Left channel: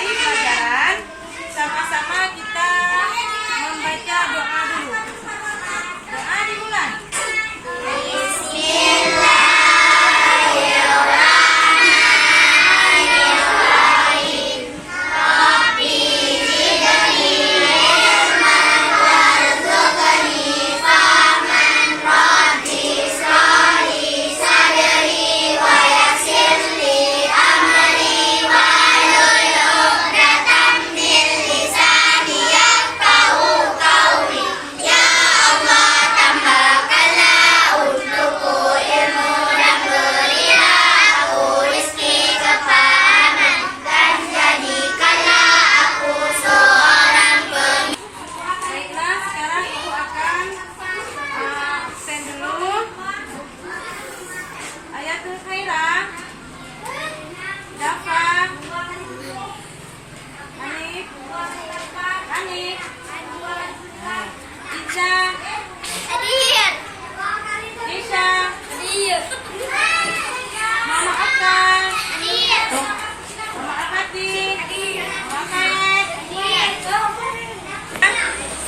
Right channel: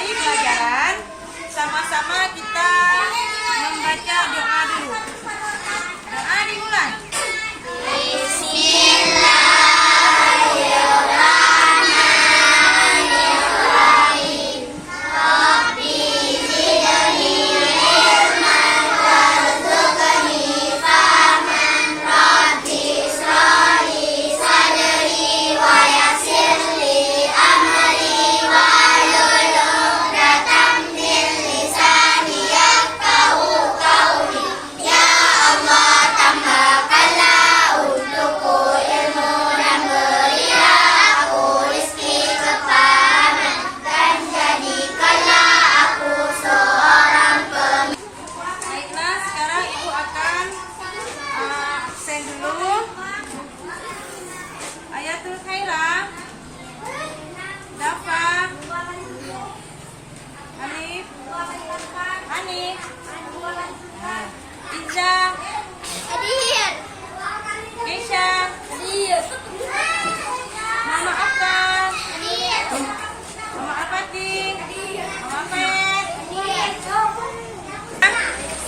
memulai pelajaran, sama-sama kita membaca doa dulu. Doa dimulai.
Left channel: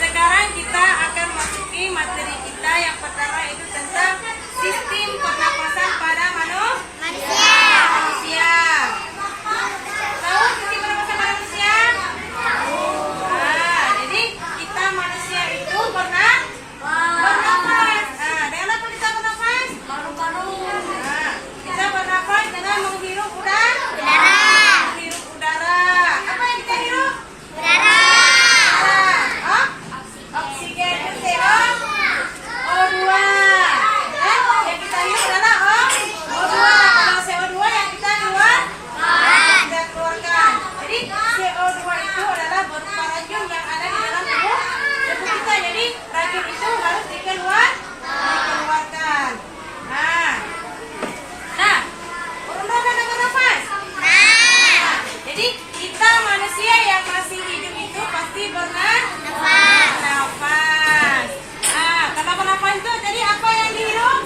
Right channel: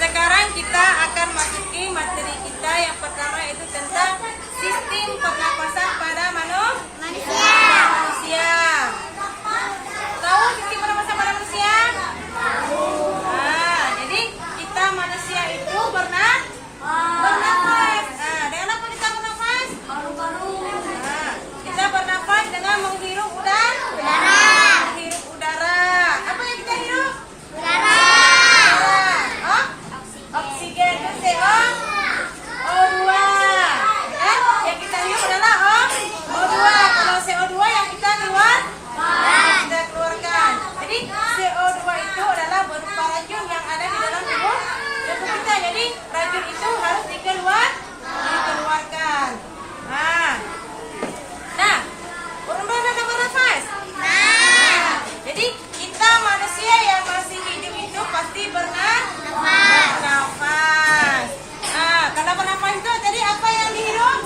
Sekarang kita akan masuki materi kita yang pertama, itu tentang sistem pernapasan pada manusia. Tahu sistem pernapasan pada manusia? Jadi kita manusia itu bernafas. Dengan apa kita bernafas? Kita bernafas dengan menghirup udara. Menghirup udara. Apa yang kita hirup? Oksigen itu CO2. Yang kita hirup adalah O2. Kalau CO2 yang kita keluarkan. Jadi CO2 itu adalah berupa racun yang ada di dalam tubuh kita. Jadi racun itu harus dikeluarkan. Untuk kita bernafas. Jadi kita manusia yang masih hidup itu pasti bernafas. Kalau bernafas itu tadi apa yang dihirup?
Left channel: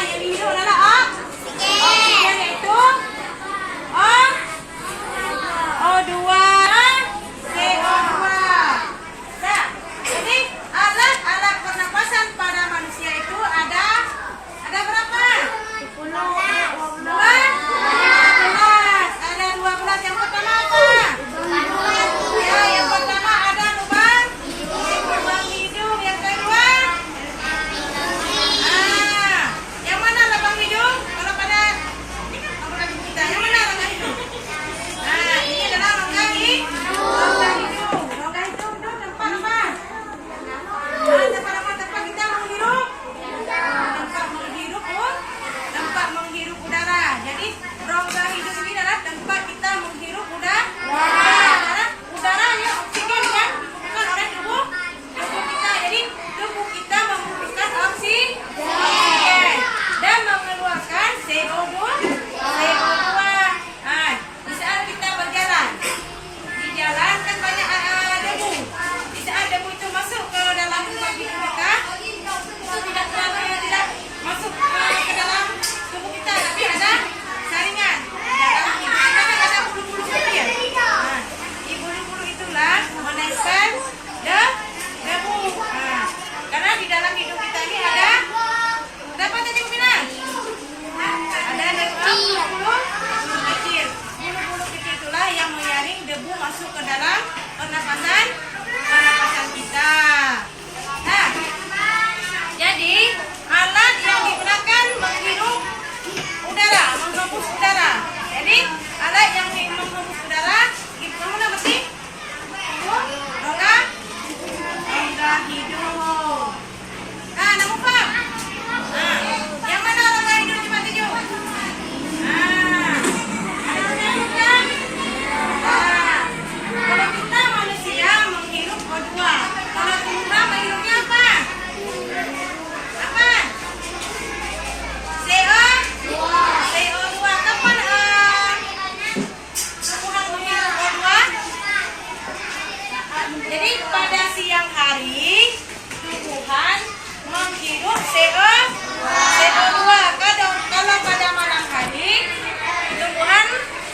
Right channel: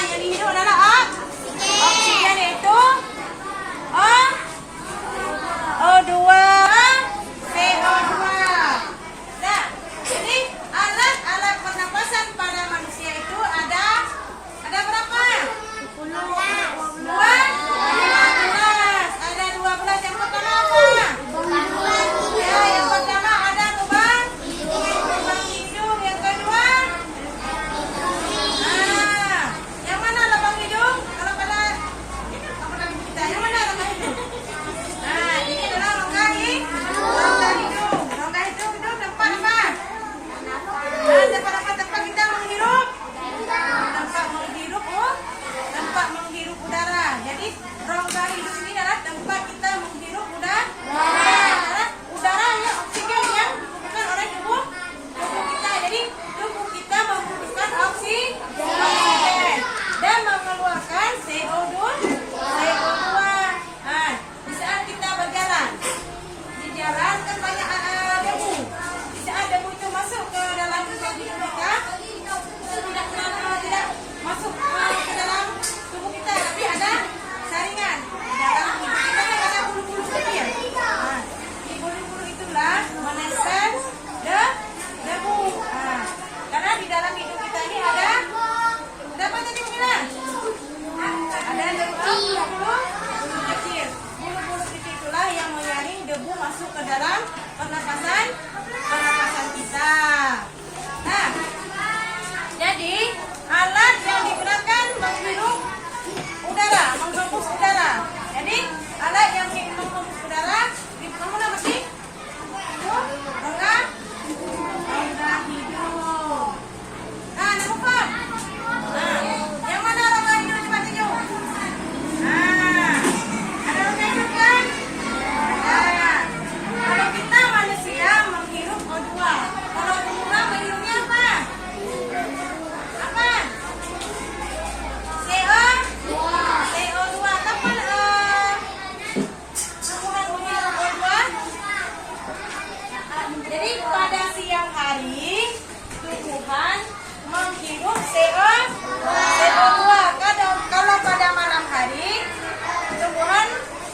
Yang dihirup adalah oksigen, yaitu O2, CO2. Jadi alat pernapasan pada manusia itu ada berapa? 12. Ada 12. Yang pertama apa? Yang pertama ada lubang hidung. Yang kedua, yang mana lubang hidung? Kalau pada kita, yang mana lubang hidung? Ini adalah rongga hidung. Rongga hidung itu tempat apa? Tempat kita menghirup. Tempat menghirup udara. Jadi rongga hidung ini adalah tempat kita menghirup udara yang oksigen yang dibutuhkan oleh tubuh kita. Jadi tubuh kita membutuhkan oksigen dan mengeluarkan CO2. Di saat kita berjalan, di jalan kan banyak debu. Di saat debu itu masuk ke dalam lubang hidung kita, itu tidak masuk ke dalam tubuh kita, tapi ada saringan. Di dalam hidung kita kan ada bulu-bulu kecil. Di bulu-bulu itulah menempel debu. Karena di dalam hidung kita ini ada apa tadi Bu bilang? Ada bulu-bulu kecil. Bulu-bulu kecil itulah yang menyaring debu masuk ke dalam pernapasan kita. Jadi alat yang digunakan menghirup udara, menghembus udara. Jadi alat yang menghembus udara, mana mesti? Rongga hidung. Namun paham? Yang mana rongga hidung? Coba tunjuk. Ada rongga hidung kan? Kalau kita manusia menghirup O2. Kalau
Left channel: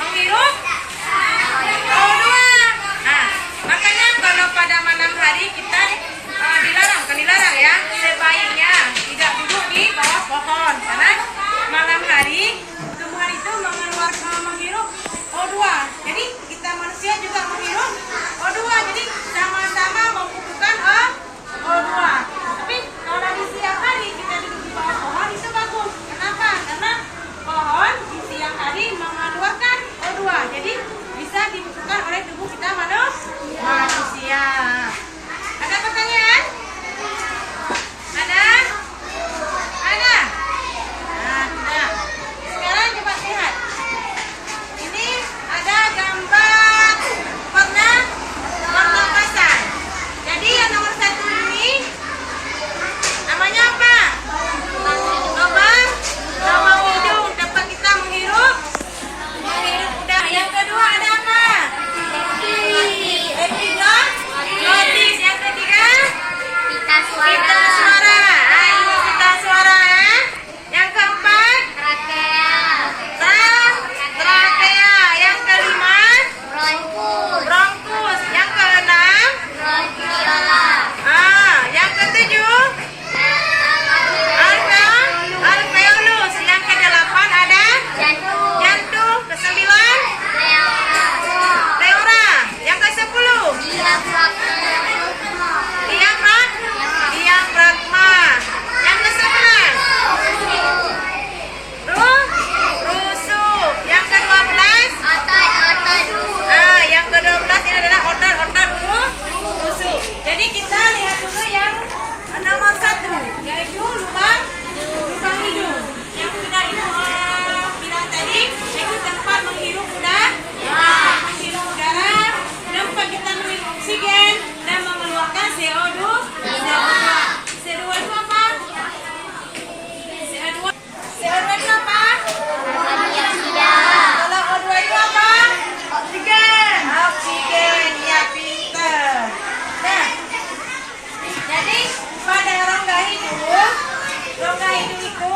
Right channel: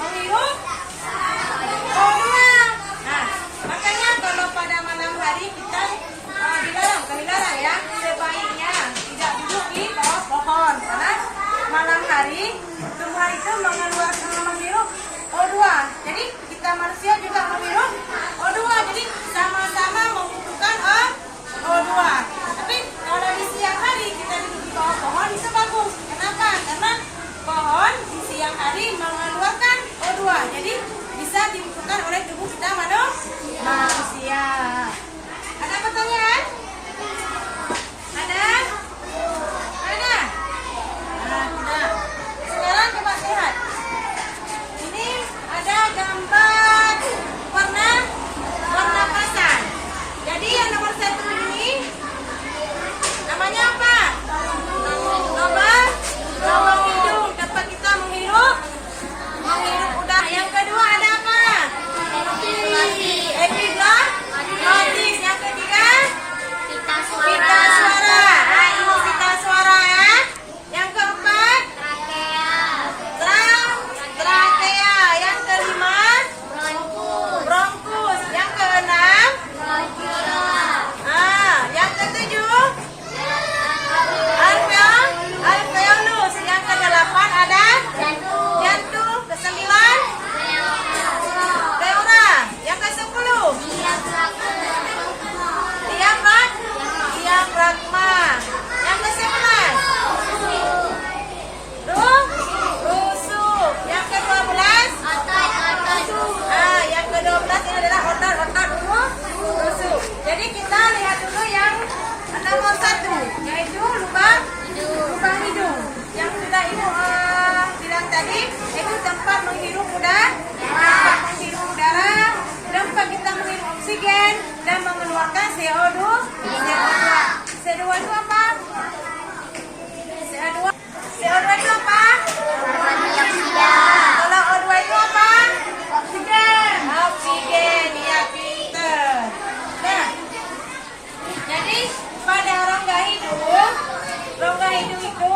menghirup O2. Nah, makanya kalau pada malam hari kita dilarang, kan dilarang ya, sebaiknya tidak duduk di bawah pohon karena malam hari tumbuhan itu menghirup O2. Jadi kita manusia juga menghirup O2. Jadi sama-sama membutuhkan O2. Tapi kalau di siang hari kita duduk di bawah pohon itu bagus. Kenapa? Karena pohon di siang hari mengeluarkan O2. Jadi bisa dibutuhkan oleh tubuh kita manusia. Ada pertanyaan? Ada? Ada? Nah, tidak. Sekarang coba lihat. Ini ada gambar pernapasan. Jadi yang nomor 1 ini namanya apa? Lubang hidung. Dapat kita menghirup udara. Yang kedua ada apa? Epiglottis. Yang ketiga pita suara. Nah, ini pita suara ya. Yang keempat trakea. Yang kelima bronkus. Yang keenam yang ketujuh alveolus. Yang kedelapan ada jantung. Kesembilan pleura. Yang kesepuluh diafragma. Yang kesebelas rusuk. Yang ke-12 yang ke-12 ini adalah otot rusuk. Jadi kita lihat dulu yang nomor 1, yaitu lubang hidung. Yang sudah Ibu bilang tadi, itu tempat menghirup udara, tempat kita menghirup oksigen dan mengeluarkan CO2. CO2 itu apa? CO2 itu apa? Kalau O2 itu apa? Oksigen, ya pinter. Nah, jadi pada rongga hidung itu,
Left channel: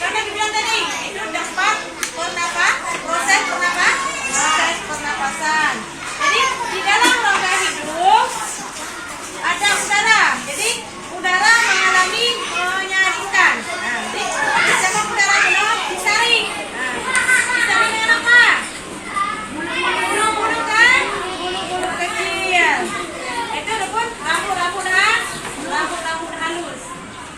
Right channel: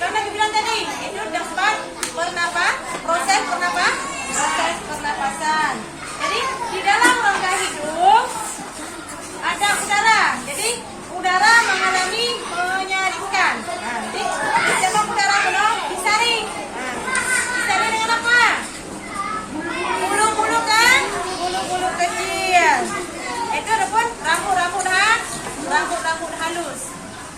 karena dibilang tadi, itu tempat proses pernapasan. Jadi di dalam rongga hidung ada udara. Jadi udara mengalami menyaringkan. Nah, jadi di dalam udara belum disaring. Disaring dengan apa? Bulu-bulu kan? Bulu-bulu kecil. Itu ataupun rambut-rambut halus.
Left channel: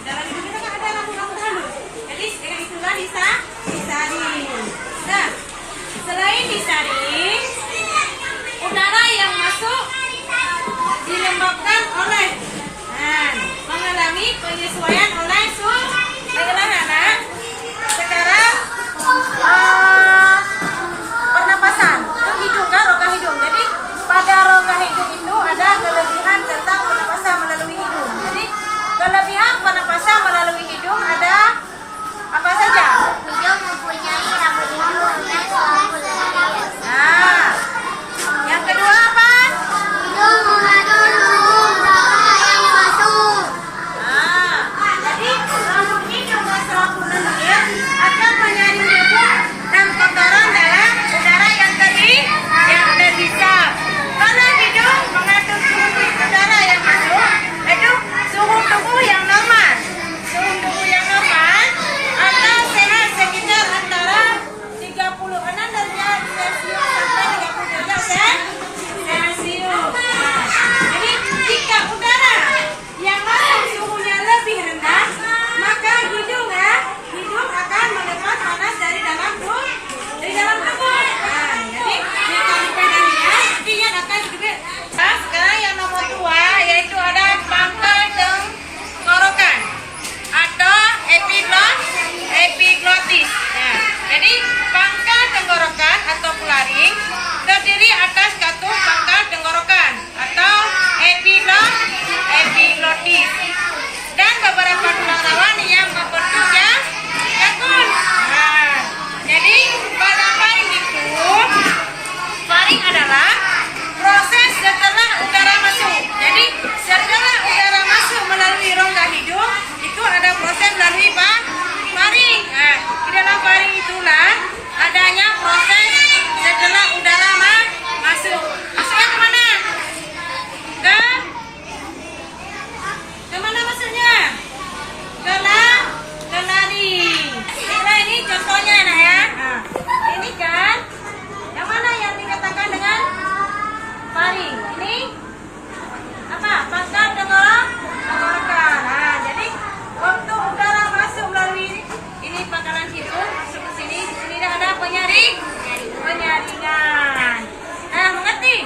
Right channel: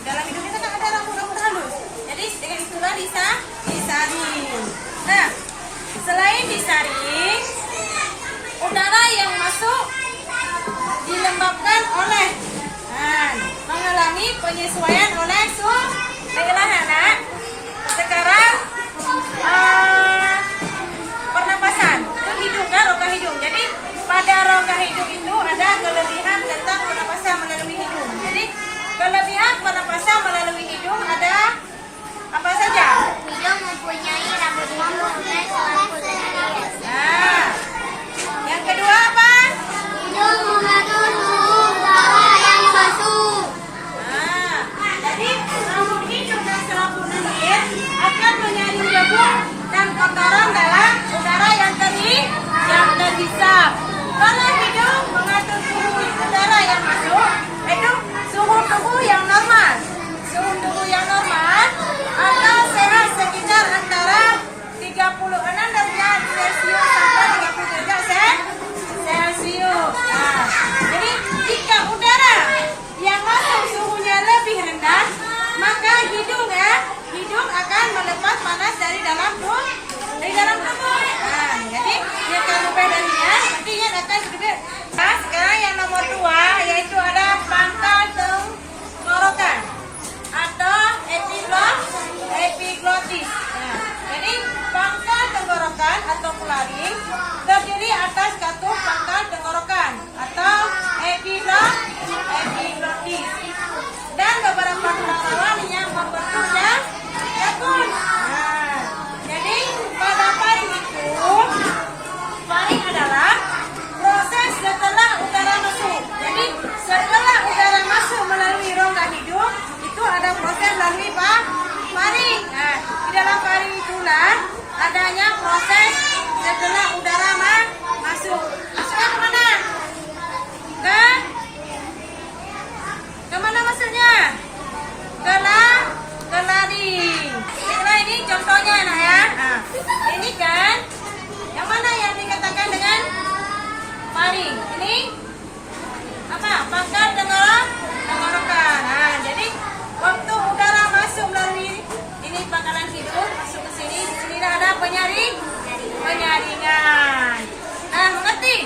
Dalam hidup kita kan ada rambut-rambut halus. Jadi dengan itulah disaring. Nah, selain disaring, udara yang masuk dilembabkan oleh mengalami penyesuaian oleh suhu. Baiklah anak, sekarang pernapasan itu hidung kan, rongga hidung. Jadi pada rongga hidung itu ada kelebihan tentang pernapasan melalui hidung. Jadi kelebihan pernapasan melalui hidung ada apa saja? Hidung mempunyai rambut hidung yang selalu berlarian. Nah, yang kedua apa? Hidung mengandung udara yang masuk. Nah, jadi rambut hidung dan selaput lendir akan menyaring debu dan kotoran dalam udara yang terhisap. Kalau hidung ringan. Mengerti?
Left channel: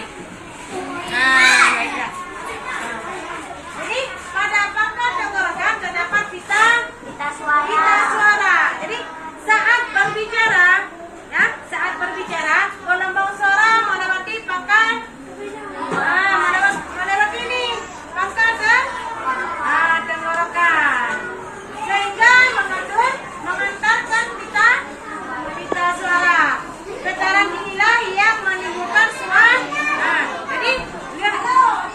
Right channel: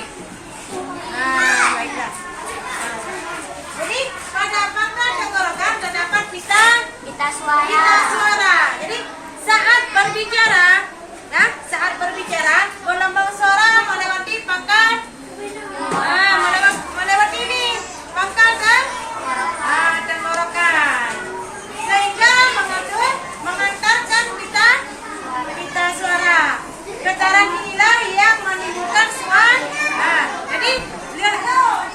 Baiklah. Jadi pada pangkat tenggorokan terdapat Pita suara. pita suara. Jadi saat berbicara, gelombang suara melewati pangkat. Melewati ini pangkat tenggorokan. Sehingga mengantarkan pita suara. Getaran inilah yang menimbulkan suara. Jadi lihat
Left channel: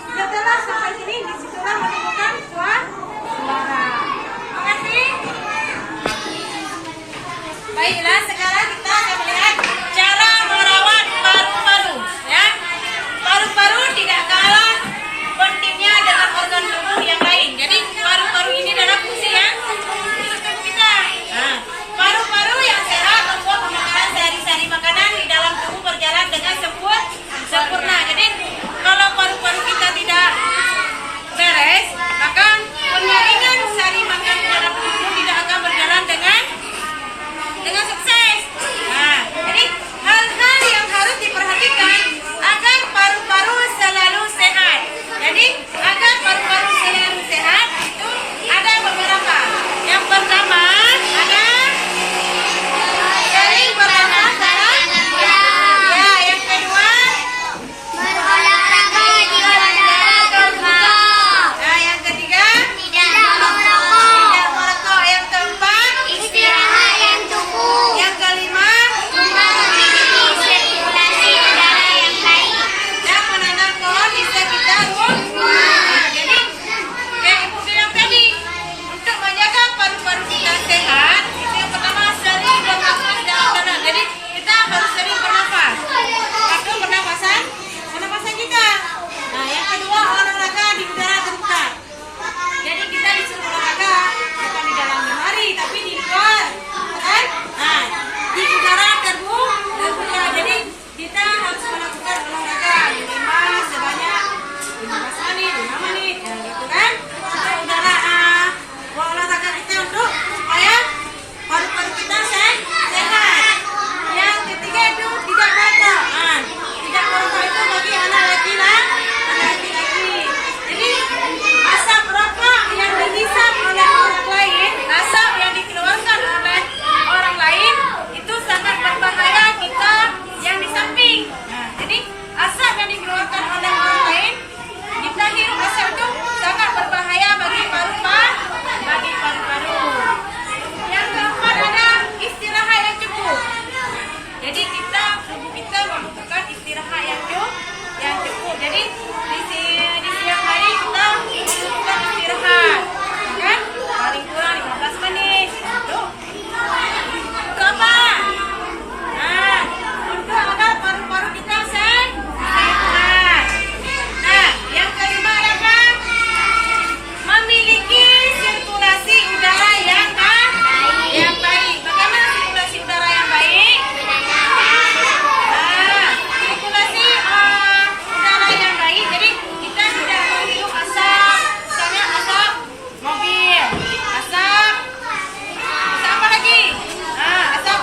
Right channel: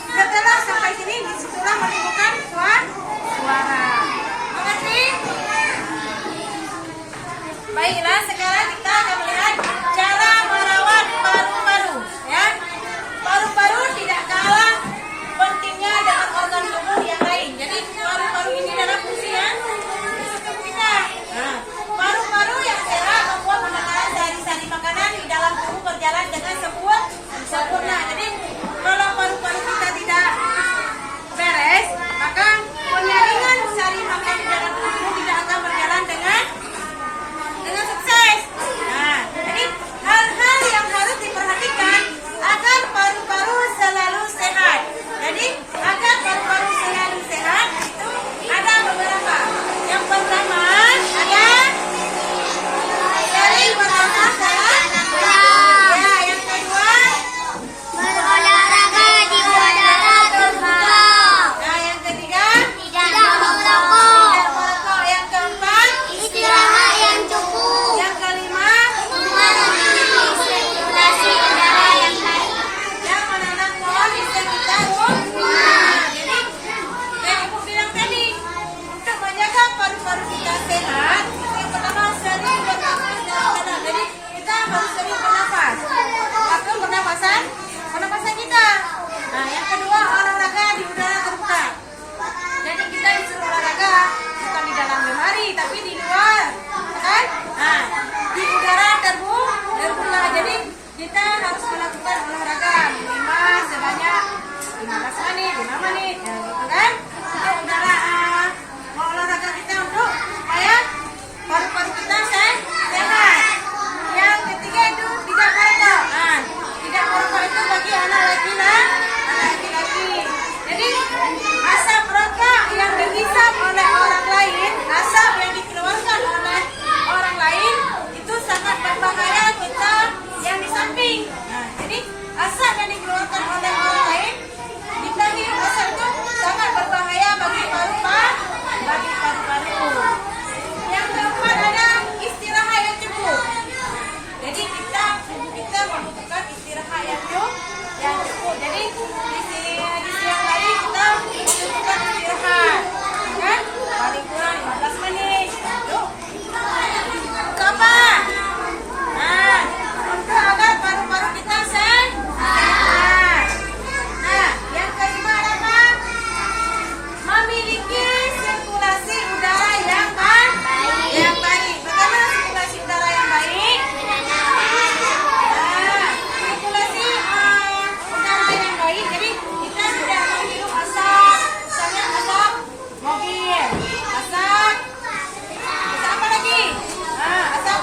setelah sampai sini disitulah menimbulkan suara. Mengerti? Baiklah, sekarang kita akan melihat cara merawat paru-paru. Ya, paru-paru tidak kalah pentingnya dengan organ tubuh yang lain. Jadi paru-paru ini adalah fungsi yang untuk tubuh kita. Paru-paru yang sehat membuat pemakaran sehari-hari makanan di dalam tubuh berjalan dengan sempurna. Jadi kalau paru-paru kita tidak beres, maka penyaringan sari makan di dalam tubuh tidak akan berjalan dengan sukses. Jadi hal-hal yang harus diperhatikan agar paru-paru selalu sehat. Jadi agar paru-paru selalu sehat itu ada beberapa. Yang pertama ada sering berolahraga. Ya, yang kedua Berolahraga di udara terbuka. yang ketiga Tidak merokok. tidak merokok. Yang keempat Istirahat yang cukup. yang kelima Memiliki sirkulasi udara yang baik. yang menanam pohon di sekitar rumah. Jadi kayak ibu bilang tadi, untuk menjaga paru-paru kita sehat, itu yang pertama sering bernafas dalam tanah. Jadi kita harus sering bernafas. Satu pernapasan kita. Yang kedua olahraga di udara terbuka. Jadi kita disuruh olahraga bukan di dalam lemari tapi di luar, kan? Di udara terbuka. Jadi kita harus melakukan olahraga minimal sebanyak 15 menit, 5 menit, gitu kan? Supaya udara olahraga kita untuk supaya paru-paru kita sehat. Yang ketiga itu tidak merokok. Tidak merokok itu bagi anak laki-laki. Jadi asap rokok yang dihisap oleh orang lain, asap yang dikeluarkan oleh orang lain itu sangat berbahaya kita yang di samping. Jadi asap yang dikeluarkan oleh orang lain, kita hirup asap itu sangat berbahaya bagi paru-paru. Yang keempat ada istirahat yang cukup. Jadi tubuh kita membutuhkan istirahat yang cukup. Jadi di siang hari kita membutuhkan istirahat, kan? Paling kurang 15 menit. Untuk apa? Untuk agar paru-paru kita sehat. Yang kelima adalah memiliki sirkulasi udara yang baik. Bagaimana sirkulasi udara yang baik? Sirkulasi udara yang baik. Jadi kita tidak menghirup asap, misalnya asap mobil, asap apa lagi? Asap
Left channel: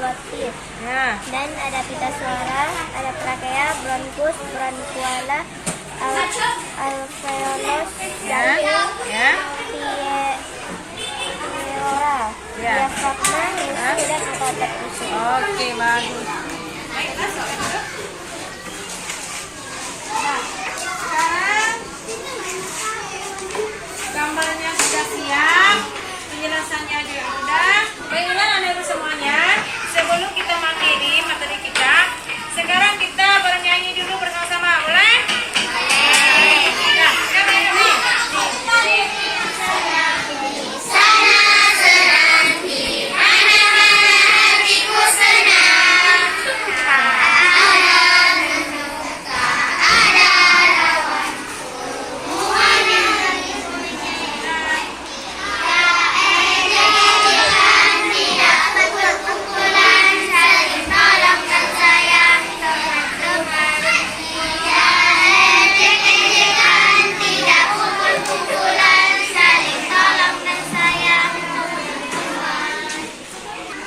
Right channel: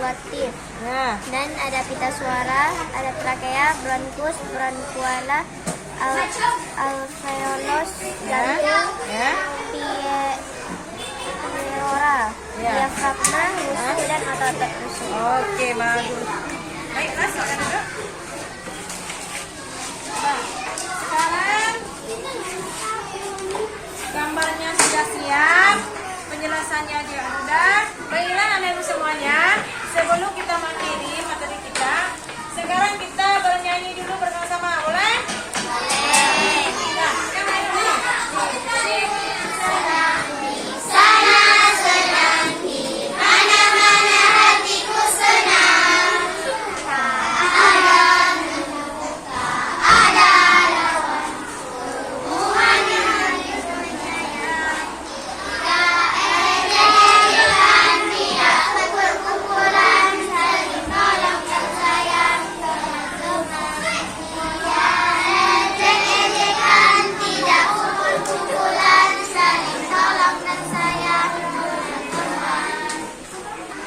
artikulatif. Ya. Dan ada pita suara, ada trakea, bronkus, bronkuala, alveolus, jantung, Ya. pleura, Ya. diafragma, gusi, dan otot gusi. Oke, bagus. Baiklah, silakan duduk. Nah, sekarang gambarnya sudah siap, penjelasannya juga sudah. Baiklah anak ibu semuanya, sebelum kita mengakhiri materi kita, sekarang kita bernyanyi dulu bersama-sama, boleh? Nah, kan ayo nih.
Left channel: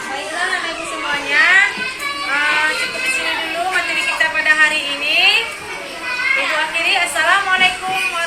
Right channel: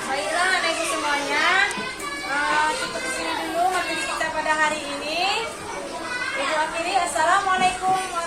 Baiklah anak ibu semuanya, cukup di sini dulu materi kita pada hari ini. Ibu akhiri, assalamualaikum warahmatullahi